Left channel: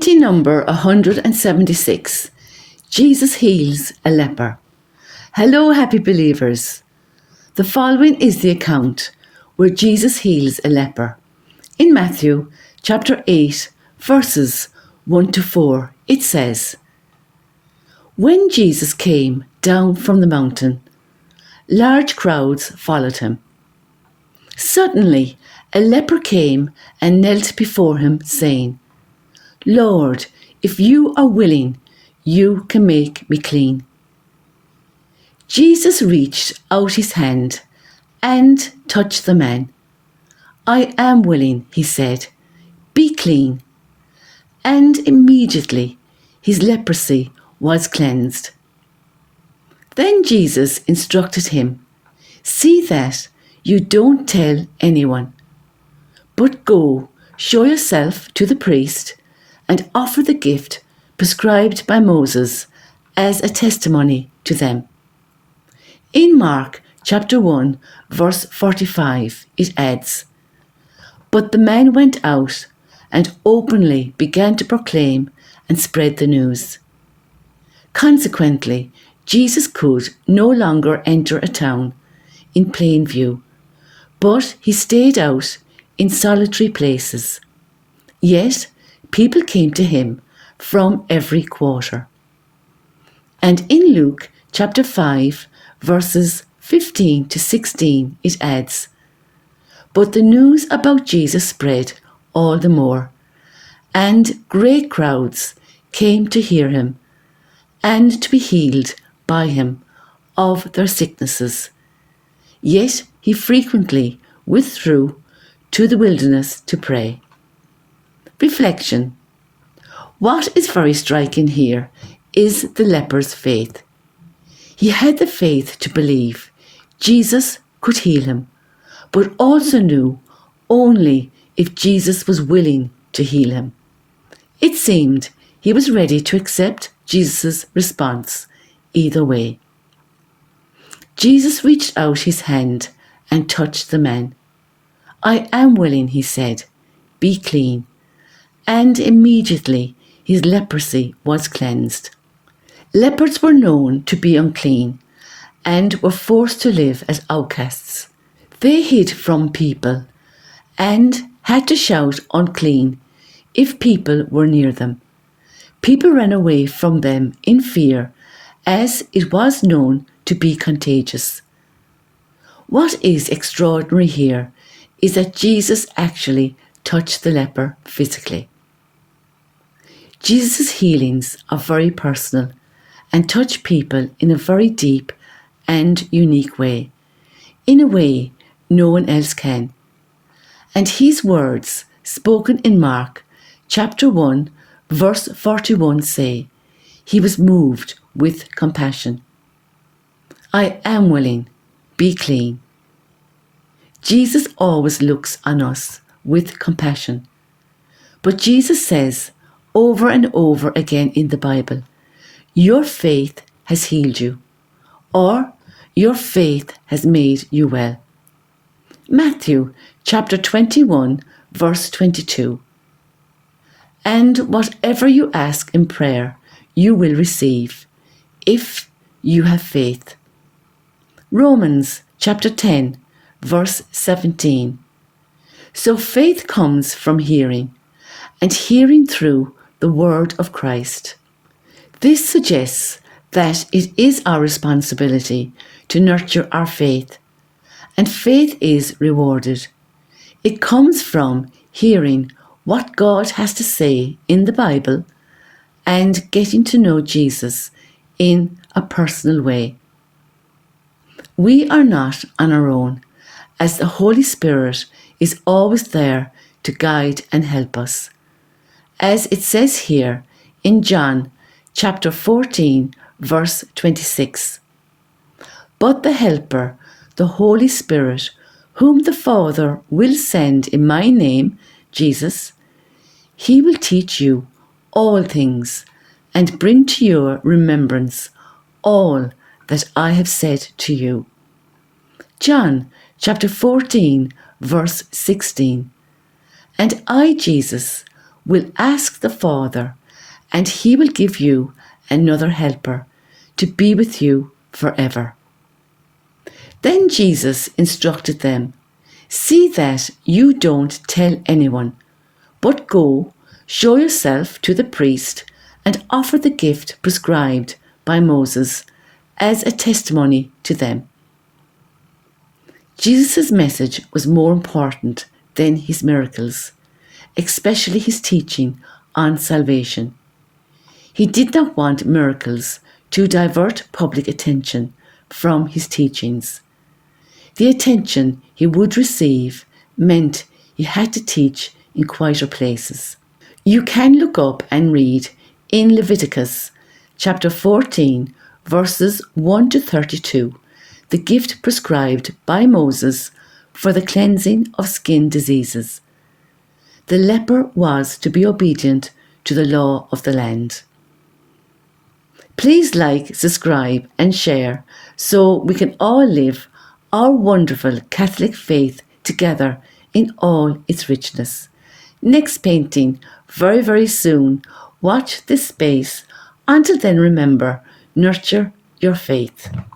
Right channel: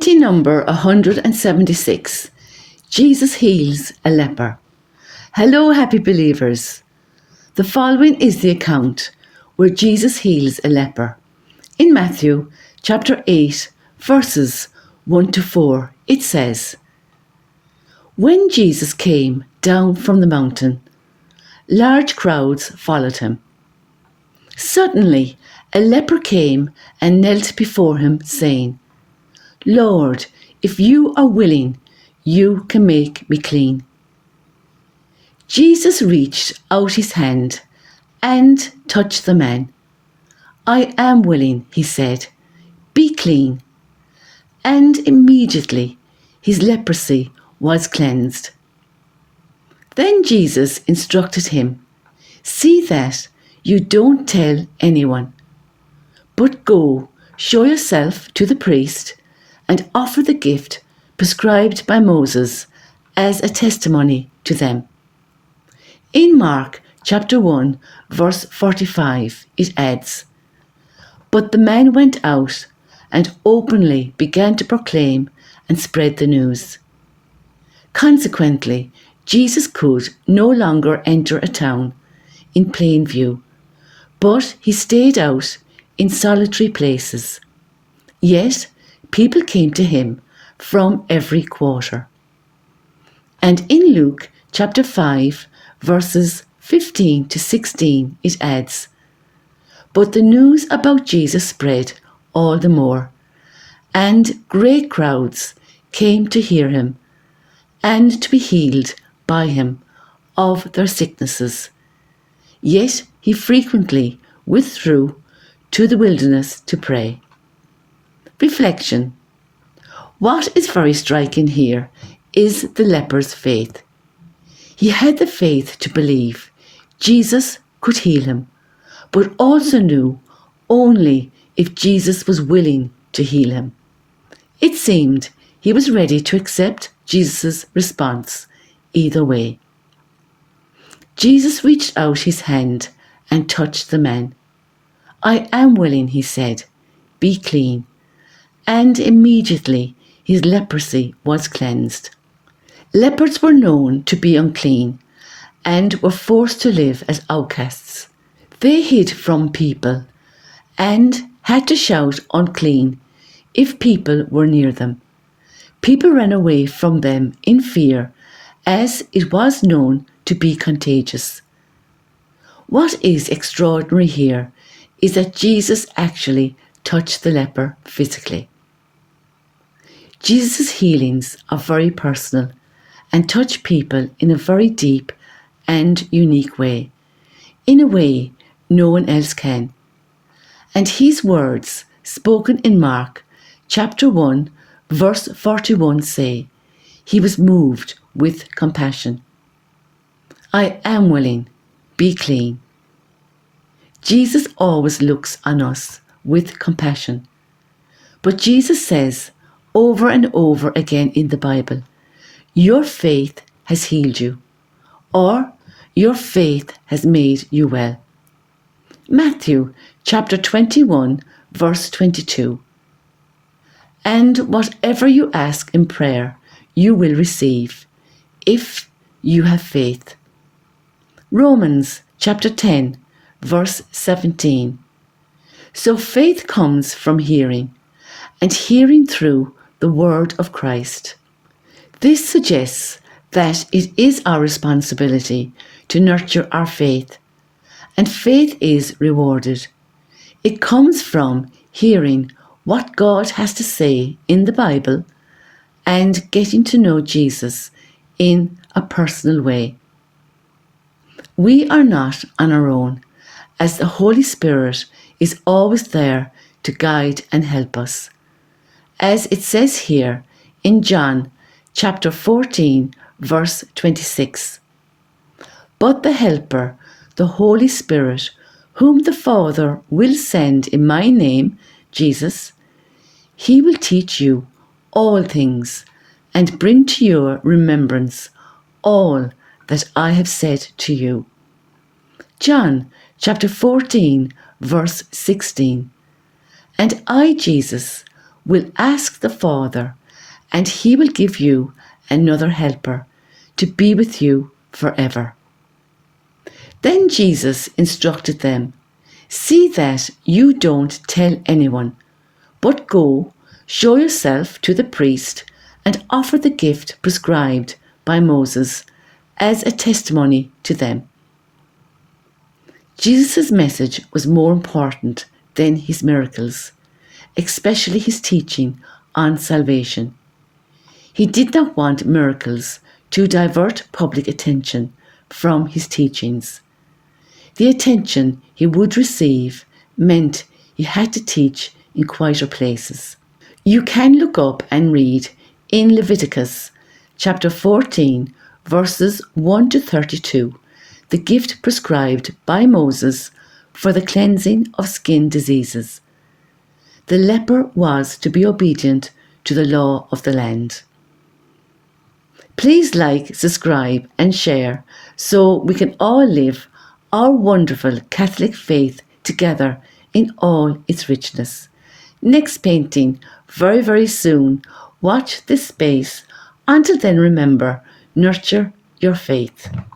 Pointy number 176. Jesus heals a leper. Hello, happy believers. The following is the account where Jesus heals a leper. In Matthew chapter 8, verses 1 to 4, it says, "When Jesus came down from the mountain, large crowds followed him. Suddenly, a leper came and knelt before him, saying, 'Lord, if you are willing, you can make me clean.' Jesus reached out his hand and touched the man. 'I am willing,' he said, 'be clean.' And immediately his leprosy was cleansed. Then Jesus instructed him, 'See that you don't tell anyone, but go, show yourself to the priest, and offer the gift prescribed by Moses as a testimony to them.'" In Mark chapter 1, verse 45, it adds, "But the man went out and openly began to proclaim and spread the news. Consequently, Jesus could no longer enter a town in plain view, but he stayed out in solitary places. Yet people came to him from every quarter." And in Luke chapter 5, verses 15 to 16, it adds, "But the news about Jesus spread all the more, and great crowds came to hear him and to be healed by him of their sicknesses. Yet he frequently withdrew to the wilderness to pray." Reflection. What is very striking here is the leper's faith. He had the faith to believe Jesus could heal him, but also knew only if Jesus was willing to heal him. It seemed he was ready to accept Jesus' response either way. Jesus reached out his hand and touched the man. "I am willing," he said, "be clean." And immediately his leprosy was cleansed. Lepers were known to be unclean and were forced to live as outcasts. They hid from people and had to shout unclean if people were near them. People ran away from them in fear, as it was known to be contagious. What is extraordinary here is that Jesus actually touched the leper physically. Jesus' healings are very personal and touch people in a very deep and unique way, in a way no one else can. And his words, spoken in Mark chapter 1, verse 41 say, "He was moved with compassion." "I am willing, be clean." Jesus always looks on us with compassion. But Jesus says over and over again in the Bible, "Your faith has healed you," or "Your faith has made you well." Matthew chapter 21, verse 22. "And whatever you ask in prayer, you will receive, if you have faith." Romans chapter 10, verse 17. So faith comes from hearing, and hearing through the word of Christ. This suggests that it is our responsibility to nurture our faith, and faith is rewarded. It comes from hearing what God has to say in the Bible and getting to know Jesus in a personal way. We are not on our own, as the Holy Spirit is always there to guide and help us. As it says here in John chapter 14, verse 26, "But the Helper, the Holy Spirit, whom the Father will send in my name," Jesus, "he will teach you all things and bring to your remembrance all that I have said to you." John chapter 14, verse 16, "And I, Jesus, will ask the Father, and he will give you another helper to be with you forever. Then Jesus instructed them, "See that you don't tell anyone, but go, show yourself to the priest, and offer the gift prescribed by Moses as a testimony to them." Jesus' message was more important than his miracles, especially his teaching on salvation. He did not want miracles to divert public attention from his teachings. The attention he would receive meant he had to teach in quieter places. You can look up and read in Leviticus chapter 14, verses 1 to 32, the gift prescribed by Moses for the cleansing of skin diseases. The leper was to be obedient to the law of the land. Please like, subscribe and share so we can all live our wonderful Catholic faith together in all its richness. Next painting very, very soon. Watch this space. Until then, remember, nurture your faith.